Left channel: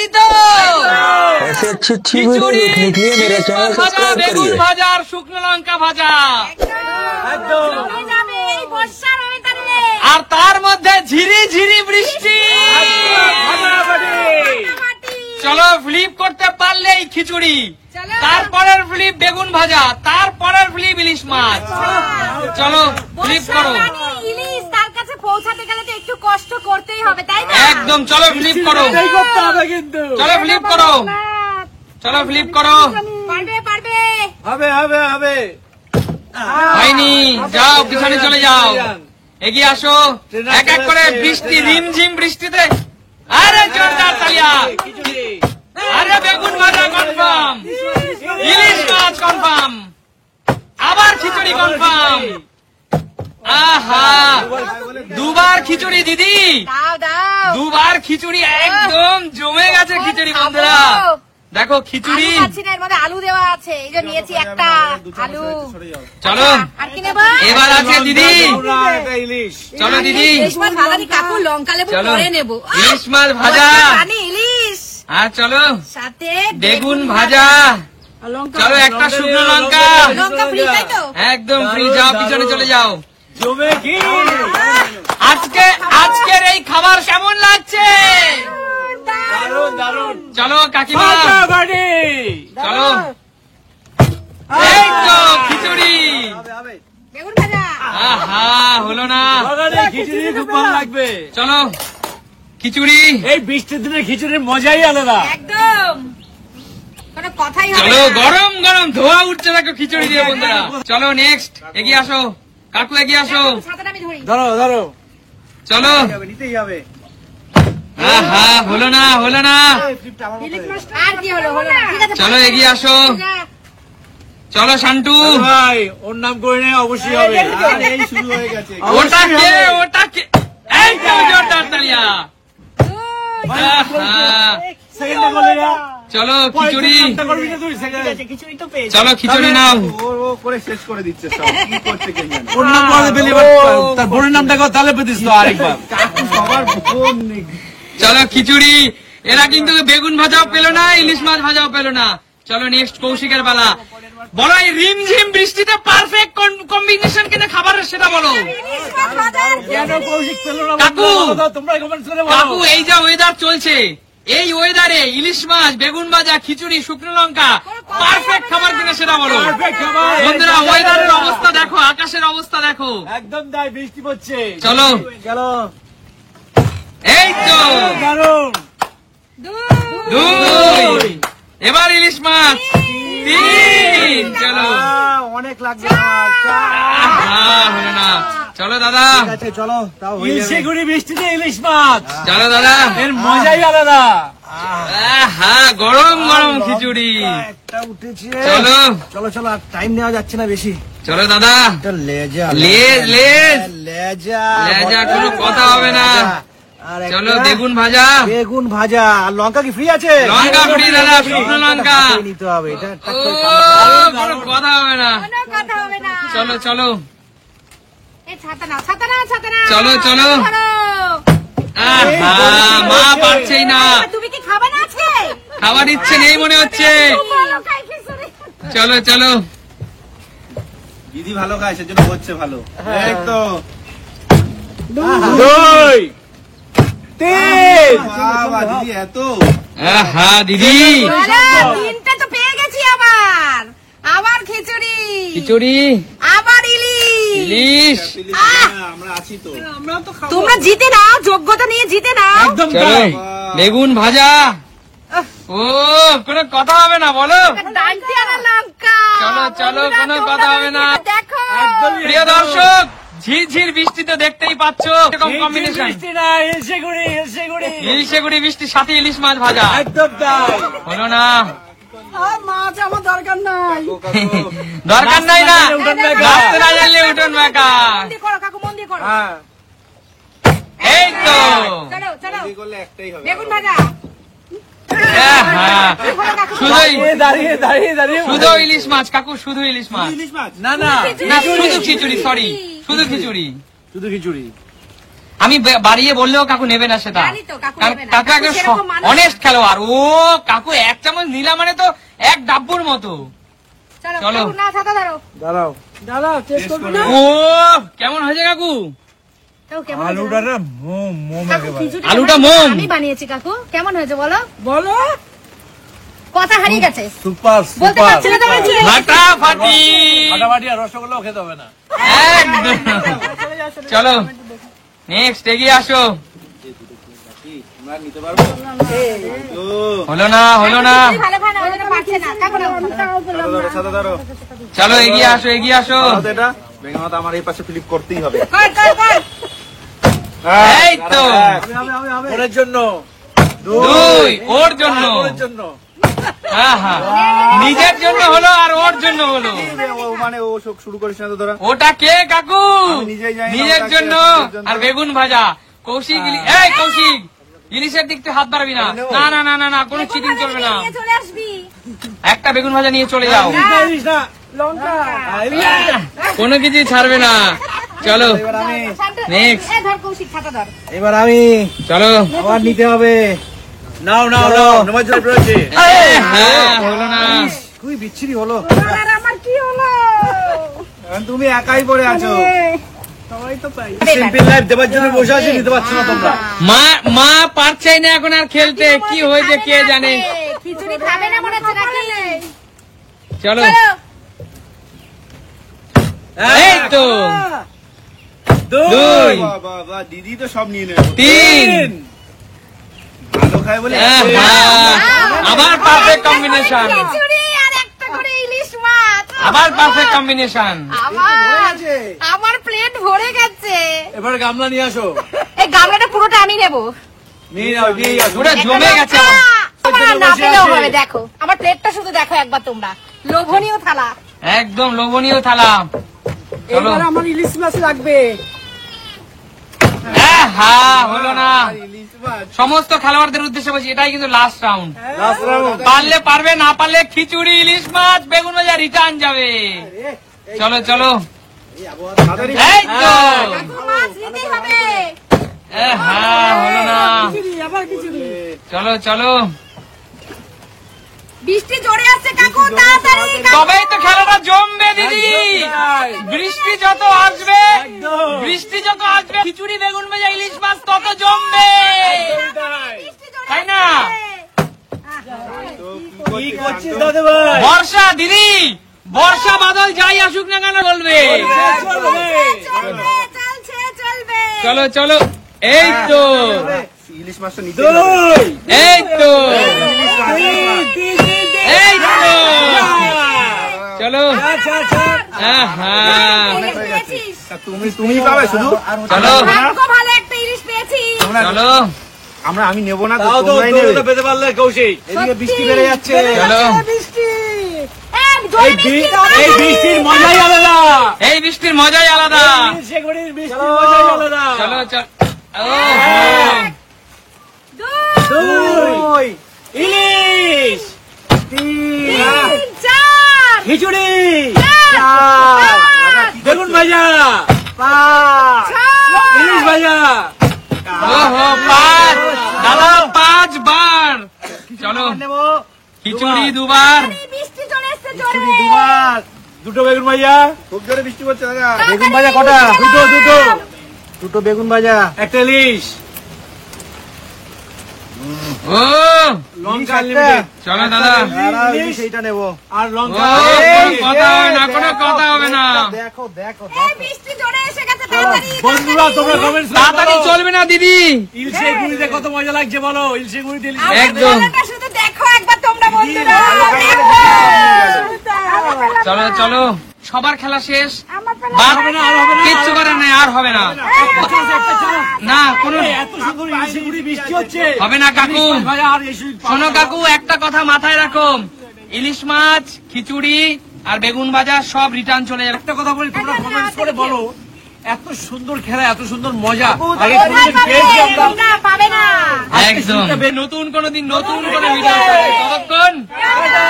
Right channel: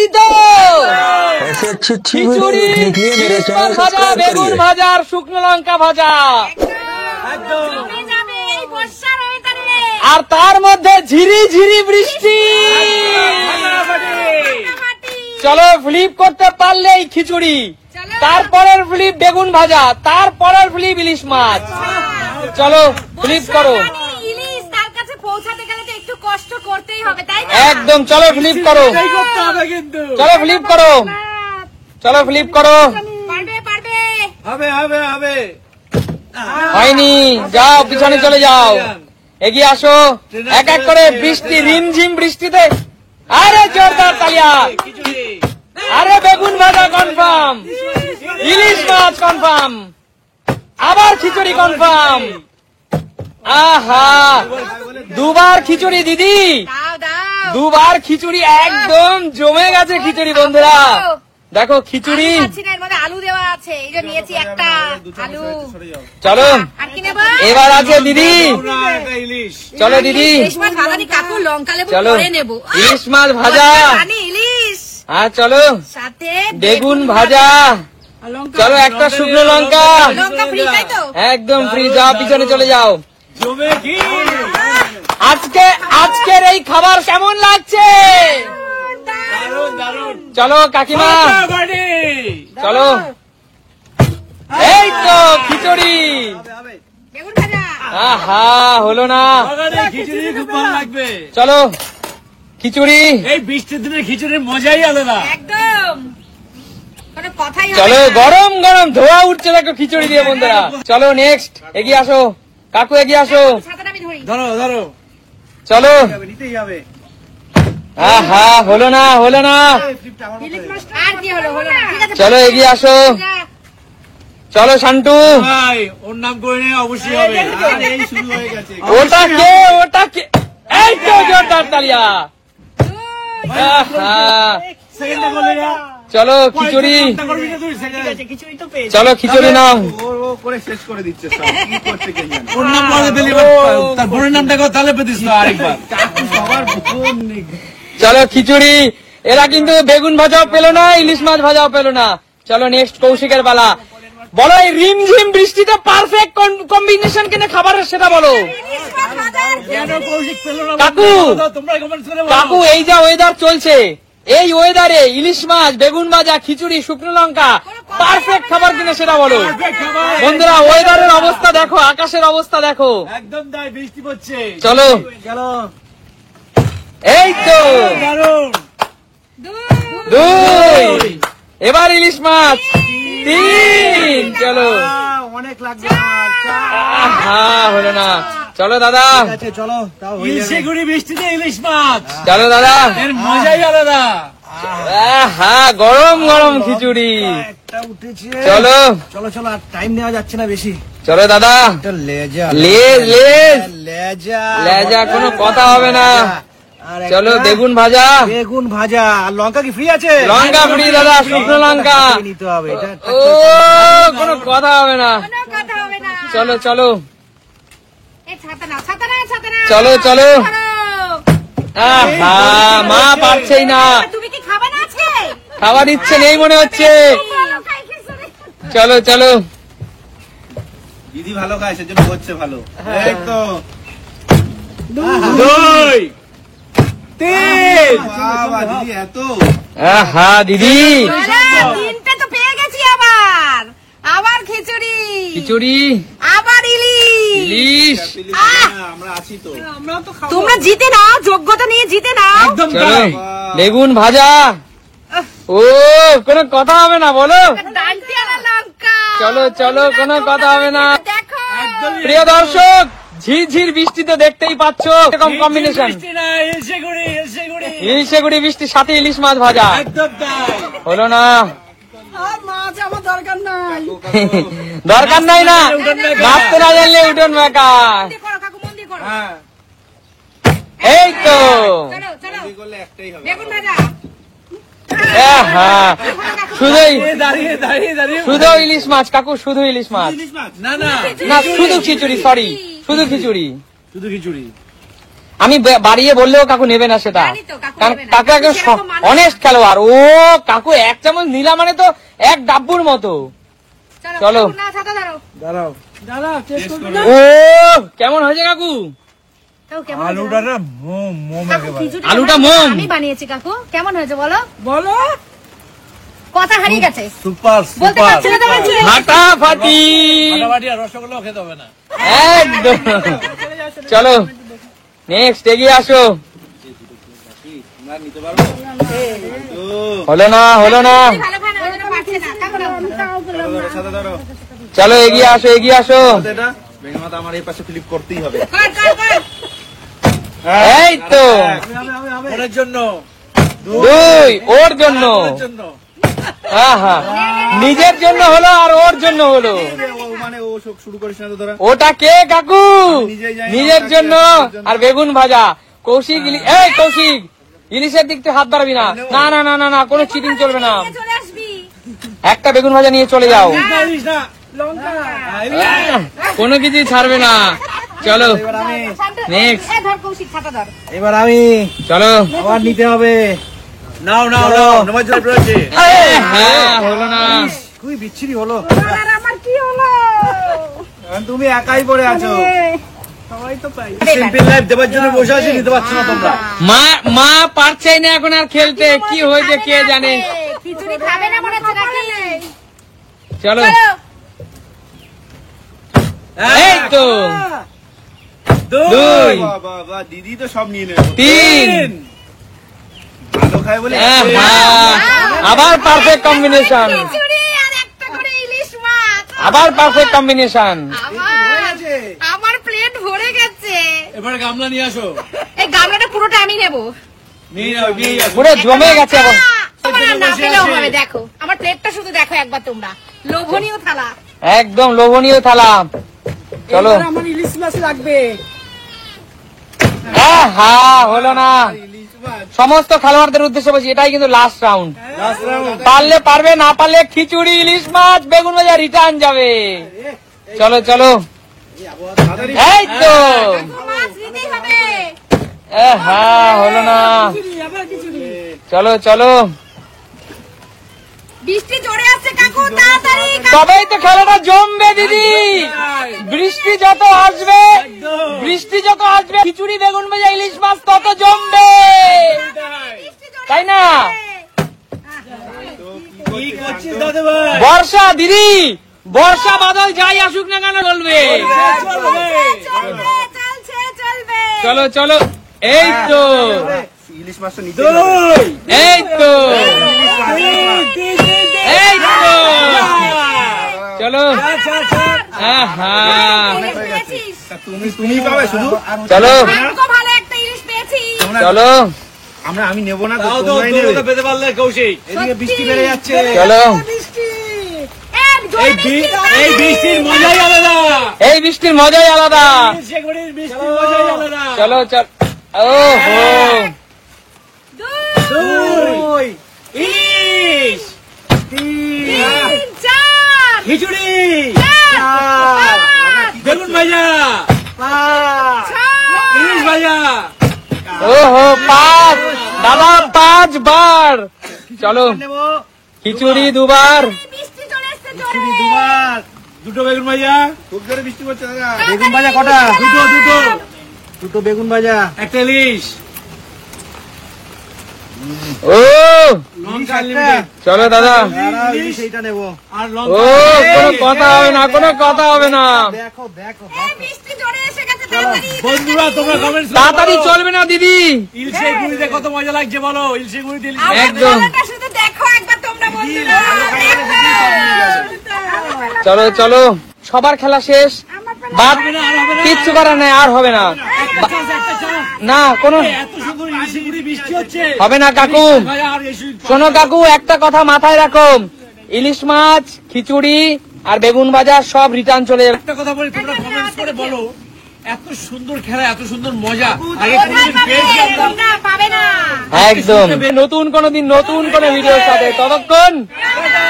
तैयारी तो ऐसे अच्छी अच्छी वीडियो देखने के लिए मेरा चैनल सब्सक्राइब करिए। भाजा और শুকনো লঙ্কা ভাজা আর তার মধ্যে ঝিরি ঝিরি বৃষ্টি। চলো ফ্লিপ করতে পারলেই খিচুড়ি, তারপরের ফ্লিপ বেগুন ভাজা, তারপরের ফ্লিপ ইলিশ মাছ। চলো ফ্লিপ করো। ইলিশ তার কাছে পৌঁছাতে গেলে তো একটু কষ্ট করতেই হবে, তাই না? একদম। চলো ফ্লিপ করো, চলো ফ্লিপ করো, চলো ফ্লিপ করো। পারবে পারবে, হবে হবে হবে। হয়নি, যাও পিছনে চলে যাও, এগিয়ে আসো। এক এক করে বৃষ্টি, রিমঝিম বৃষ্টিতে। আরে জোরদার তালিয়া। আরে বেগুন ভাজা কনফার্ম, ইলিশ মাছ কনফার্ম, আবার খিচুড়ি কনফার্ম। আহা, দুবার খিচুড়ি দিদি, দাও দাও। দুবার খিচুড়ি, একদম জমে গেছে খিচুড়ি। বন্ধুরা দেখো খিচুড়ি, আলু খাচ্ছি না, এর মধ্যে আলু দেওয়া আছে, এই যে নিয়েছি একটা আলু। চলো আর কি নেবো? এবার আছে দিদি। ইলিশ চলো দিদি, ইলিশ মাছ ভাজা নি কাকু, লঙ্কা লেবু চলো পরে নেবো। ইলিশ মাছ ভাজা। রানী ইলিশ হ্যাঁ চলো, সাথে বেগুন ভাজা। চলো একটা শুকনো লঙ্কা, লঙ্কা ফ্রি, তাই তো? একদম ফ্রি। যাও পিছনে চলে যাও। জমে কি আজকের এই খাবার কেমন লাগছে? দারুন দারুন। চলো কাকিমা, বাড়ি চলো। এই তো খিচুড়ি। বেগুন ভাজা। আহা, হলো না। বাগানে খিচুড়ি খুব ভালো লাগবে। চলো খিচুড়ি। এই বৃষ্টির দিনে খিচুড়ির মজাই আলাদা। একদম কোনো কথাই হবে চলো, না। গরম গরম ধোয়া উঠছে দেখো খিচুড়ি দিয়ে। বন্ধুরা চলো নেক্সট, এগিয়ে আসো কাকু, এগিয়ে আসো। ছাতাটা আমি ধরি। ধরো ধরো। চলো। নিতেই হবে। আহা, হলো না, হলো না। ইলিশ মাছ আর কি হলো, হলো না। ঠিক আছে, চলো এগিয়ে আসো। চলো শান্টু। ভাই ওর নাম করে নে, অবশ্যই হবে। এই শুরু হয়ে গেছে। ওটা কে, ওটা কে? এই তো জোরদার তালিয়া। আহা, সেকেন্ডে বলে যা। চলো খিচুড়ি। করবি না তুই সেকেন্ড। চলো খিচুড়ি নাও। ও করে শেষ করে দিচ্ছে সব। কি করছে কে জানে। ওর নাম করে পেলি, তার বোনের নামটা কর, তাহলে পেতিস তো আরেকবার। কাকু সবার বোন নেই। চলো খিচুড়ি। এরা কিন্তু বেগুন ভাজাও পেলো না, ইলিশ মাছ ভাজাও পেলো না। চলো নেক্সট কৌশিকের পালা। বলো এই রিমঝিম বৃষ্টিতে পারফেক্ট কম্বিনেশন কিনা খাবারের, সেটা বলো। ইলিশ মাছ ভাজা আর কি কেন কৌশিক পেলো না? কাকু, তোমরা কমেন্ট করে বলো। কাকু এই যা ওয়েদার চলছে, এই ওয়েদারে ইলিশ মাছ, বেগুন ভাজা, খিচুড়ি, শুকনো লঙ্কা পারফেক্ট খাবার কিনা সেটা বলো। Perfect খাবার। বন্ধুরা ওয়েদারের অবস্থা দেখো, আকাশের অবস্থা দেখো। একদম তাই, বৃষ্টি পড়ছে। চলো চলো। এই তো দারুন। দুই, এবার ইলিশ মাছ তিন। চলো। অনেক লাগবে। হ্যাঁ, হলো না। চলো দাদা, ঠিক আছে চলো, তাও হয়ে যাবে। ইলশেগুড়ি বৃষ্টিতে ইলিশ মাছ, চলো দাদা। এর মজাই আলাদা। হ্যাঁ, গরম গরম খিচুড়ি। একটা উঠেছে। চলো চলো চলো, আর টাইম নেওয়া যাচ্ছে না বেশি। চলো দাদা। এটা লেজা লেজ, লেজ। লেজা লেজা, কোনো কথা হবে না। আর চলো একটা বেগুন ভাজা। বেগুন ভাজা। আর লঙ্কা কি ফ্রি আছে? লঙ্কা ফ্রি দাদা, শুকনো লঙ্কা। হাতেই নিতে হবে এটা। ও, কোনো কথা হবে না। কোনো কথা হবে না। চলো চলো। এই ছাতা নাও, ছাতা নাও, ছাতা নাও। চলো, চলো। ধরো। আহা, মা পারছেই না, তুমি কি খাবে না আজকে? খাবার ইচ্ছে নেই মনে হচ্ছে। ভালো খাই খিচুড়ি। চলো চলো। দিদি ভালো খায় সেজন্য হচ্ছে ভালো। এই তো দুই, তিন। বাবা দিদি এত। আহা দিদি, তিনটা তো পেয়ে গেছি আবার। আবার খিচুড়ি, খিচুড়ি, আবার ইলিশ। ইলিশ। আমরা আছি তো। তোমরা জিতে নাও, যোগ্যতা নিয়ে জিতে নাও। একদম চলো তাই। বেগুন ভাজা। ও, কোনো কথা হবে না বলো। ডান্টি আর লঙ্কা। চলো, চলো, কোনো কথা হবে না। দেখো প্রিয় দর্শক, ঝিরঝির বৃষ্টি তো দেখতেই পাচ্ছ, এরকম কম্বিনেশন। বৃষ্টি না, ইলশেগুড়ি, ইলশেগুড়ি। ইলিশেগুড়ি বৃষ্টির সাথে ইলিশ মাছ ভাজা। একদম তাই। হলো না, মাছ আমার দরকার নাই। দরকার নাই না, উঠোন মেকা। নাচতে না জানলে উঠোন মেকা। মন দিয়ে করো কাকু, মন দিয়ে করো। হ্যাঁ। এই তো। চলো চলো, এই করলে একটাই হবে। বেগুন ভাজা। হ্যাঁ, শুধুই দাঁড়িয়ে দাঁড়িয়ে দাঁড়িয়ে শুধু ইলিশ মাছ কাকু, শুধু ইলিশ মাছ। ইলিশ মাছ। না না, না শুধু খিচুড়ি, সরি শুধু খিচুড়ি। শুধু খিচুড়ি। আমি বাড়িয়ে বললেও কাকু নেবে না সেটা। জানি তো, কাকু নেবে না। কাকু একজন সেরকম মানুষ। অনেস্ট খেলোয়াড়। ও কাকু এক চামচ নিলা মানে তো এক ডাব্বুর মতো। চলো। কাকু, না ছাতা ধরো। দাঁড়াও দাদা টেস্ট করবি না? ও কেমন হয়েছে কাকু? কাকু, কেমন হয়েছে আলুটা বলো? না মোম কাকু, একেবারে। খিচুড়ি আলুটা কেমন মোম। হয়েছে? আমি বানিয়েছি কাকু, কেমন হয়েছে বলো? বলো। কথা হারিয়ে গেছে, সুপার বলতে সুপার পারছি না তো, বলছি। ফাটাফাটি ফাটাফাটি আর রসগোল্লাও খেতে হবে না। একদম। চলো নেক্সট এগিয়ে আসো। তোমরা নিতে পারবে? ও, হলো না খিচুড়ি ভালো খায় না, ওই জন্য পারছে না। কাকু, নাও। সাদা ধরো। চলো এগিয়ে আসো এগিয়ে আসো। দাও এটা। বেগম মাতা আমার এই পাশে ফ্লিপ করতেই হবে। কর। এই তো ওর জন্য। দুই ওর জন্য। ওর জন্য। হ্যাঁ হ্যাঁ নিজের জন্য হলো আর ওর জন্য হলো। ও মানে ও শোক শুরু করিস না তো ধরা। ওটা কে কাকু? আমি নিজেই জানি না নিজের ওটা কে, জন্য নিজের জন্য। আর বেগুন ভাজা। কৌশিক এই কৌশিক ইলিশের দিক থেকে হাত বাড়াবি না। না না না না না কোনো চিটিং চলবে না। নিয়ে চলে আসবি। একটা বেগুন ভাজা নিয়ে চলে যাও। জানিস না লঙ্কা। কোনো কিছু ছাড়বে না। চলো এবার আমি Next. এ ধর কৌশিক, ছাতা ধর। এবার আমি চলো। আবার নিতে হবে। নাও নাও চলো। নাও নামাজ রয়েছে। হ্যাঁ হলো না। খুবই বিচ্ছিরি হলো। আর আমার কি হলো? এখন তুমি একাই পড়ে আছো। সবাই তো পাই। সিম্পল লাইফ দেবার জন্য বসে আছি, নিতে পারছো না তোমরা। মা পারছেই না এখন আর খেলতে। কি হয়েছে কে জানে। খিচুড়ি খাবে না মনে হচ্ছে নাকি? চলো চলো। এই তো দুই বাবা দিদি তো সব নিয়ে নেবে। তিন ভালো খায় বলে আবার পারফেক্ট কম্বিনেশন। খিচুড়ি আর একটা করে ইলিশ মাছ। আবার পারফেক্ট কম্বিনেশন। আমার প্লেট ভরে গেছে। এবার গামলা নিয়ে আসো। এই গামলাটা পুরোটা আমি নেবো। নিয়ে নাও নিয়ে আসো। পুরো জমে গেছে। তোমার আর না পেলেও হবে, দেখো আমার প্লেটটা শুধু দেখো একবার তোমরা। লোভনীয় থালা। একদম লোভনীয় থালা। চলো এবার আমার ইলিশ মাছ লাগবে। হ্যাঁ হলো না। ইলিশ মাছ। সমস্ত খেলোয়াড়দের উদ্দেশ্যে বলছি এটাই কিন্তু লাস্ট রাউন্ড। Last round. পারলে পারবে না পারলে খিচুড়ি ইলিশ মাছ বেগুন ভাজা রিটার্ন যাবে। চলো চলো তাড়াতাড়ি। এই তো মাছ নিতেই হবে। হ্যাঁ হলো না। আবার খিচুড়ি। চলো চলো বৃষ্টি জোরে আসছে কাকু, তাড়াতাড়ি কাকু। তবেই তো খেলাটা জমবে দিদি। বৃষ্টি যত আসবে খিচুড়ি বেগুন ভাজা ইলিশ মাছ তত জমবে, বৃষ্টি জোরে তাই না? কি করছিস দাদা ভাই? বর্ষা দিদি বর্ষা বাদল যাই আসুক না কেন বলবে। চলবে। চলো চলো এই তো ইলিশ মাছটা নিতে হবে। দুই। এই তো তিন। এই তো চলো হ্যাঁ পেয়েছিস? তা তুমি পাবে শুধু। চলো ভাগ্য ভালো, একটা ইলিশ পেয়েছি। তোমরা- চলো আমি নেবো না তো, তাও তো তোমরাই নেবে। তোমরা পেতে পারলে কৌশিক। এদিকে বৃষ্টি বেড়ে যাচ্ছে। চলো বৃষ্টি। জোরে বৃষ্টি, এই বৃষ্টির মজাই আলাদা। এই বৃষ্টির মজাই আলাদা। শেখবাড়ির বৃষ্টির মজাই আলাদা। চলো চল দুই। ইলিশ। তিন, চার, খিচুড়ি। পাঁচ, বেগুন ভাজা। ছয়, ইলিশ ভাজা। ওহো পাঁচ দাদা 5 বার। চলো নেবো। খিচুড়ি 2 বার। বৃষ্টি চলে এসছে জোরে। খিচুড়ি দুবার। দুটো বেগুন ভাজা। খুব জোরে বৃষ্টি পড়ছে দাদা। বেগুন ভাজা কটা? দুটো বেগুন ভাজা। একটা ইলিশ। ও লঙ্কা লিমিটেড। চলো দাদা দাঁড়াও, ইলিশ এইটা নেবো। আর ও লঙ্কা। কোনো কথা হবে না দেখো দেখো। এই বৃষ্টি জোরে এসে গেছে, তাড়াতাড়ি। বন্ধুরা তোমরা কমেন্টস তাড়াতাড়ি চলবে না দিদি। ইলশে গুড়িতে কত মজা লাগছে বলো। ইলশে গুড়িতে ইলিশ আমার একদম। গলাটা শুধু দেখো একবার তোমরা বন্ধুরা। চলো চলো সবার খেলা শেষ। বাদ কিচ্ছু করার নাই, আর হবে না একটা চান্স। না কোনো এত সুন্দর ইলশে গুড়ি বৃষ্টি হচ্ছে। হবে না কাকু। ইলিশ ভাজা আর এই শোনো কাকু একটা কথা মাথায় রাখো, ইলিশ মাছ খিচুড়ি আর বেগুন ভাজা সব রিটার্ন চলে যাবে। একটা কথা বলি, তোমরা কমেন্টস করে বলো এত সুন্দর খেলা এত সুন্দর মজা আগে কোথায় কোনদিন পাবে? পেয়েছি আমরা? তোমরা পাবে না। একদম নতুন কোন দিন নতুন কোন ভিডিও সাথে ততক্ষণ টাটা।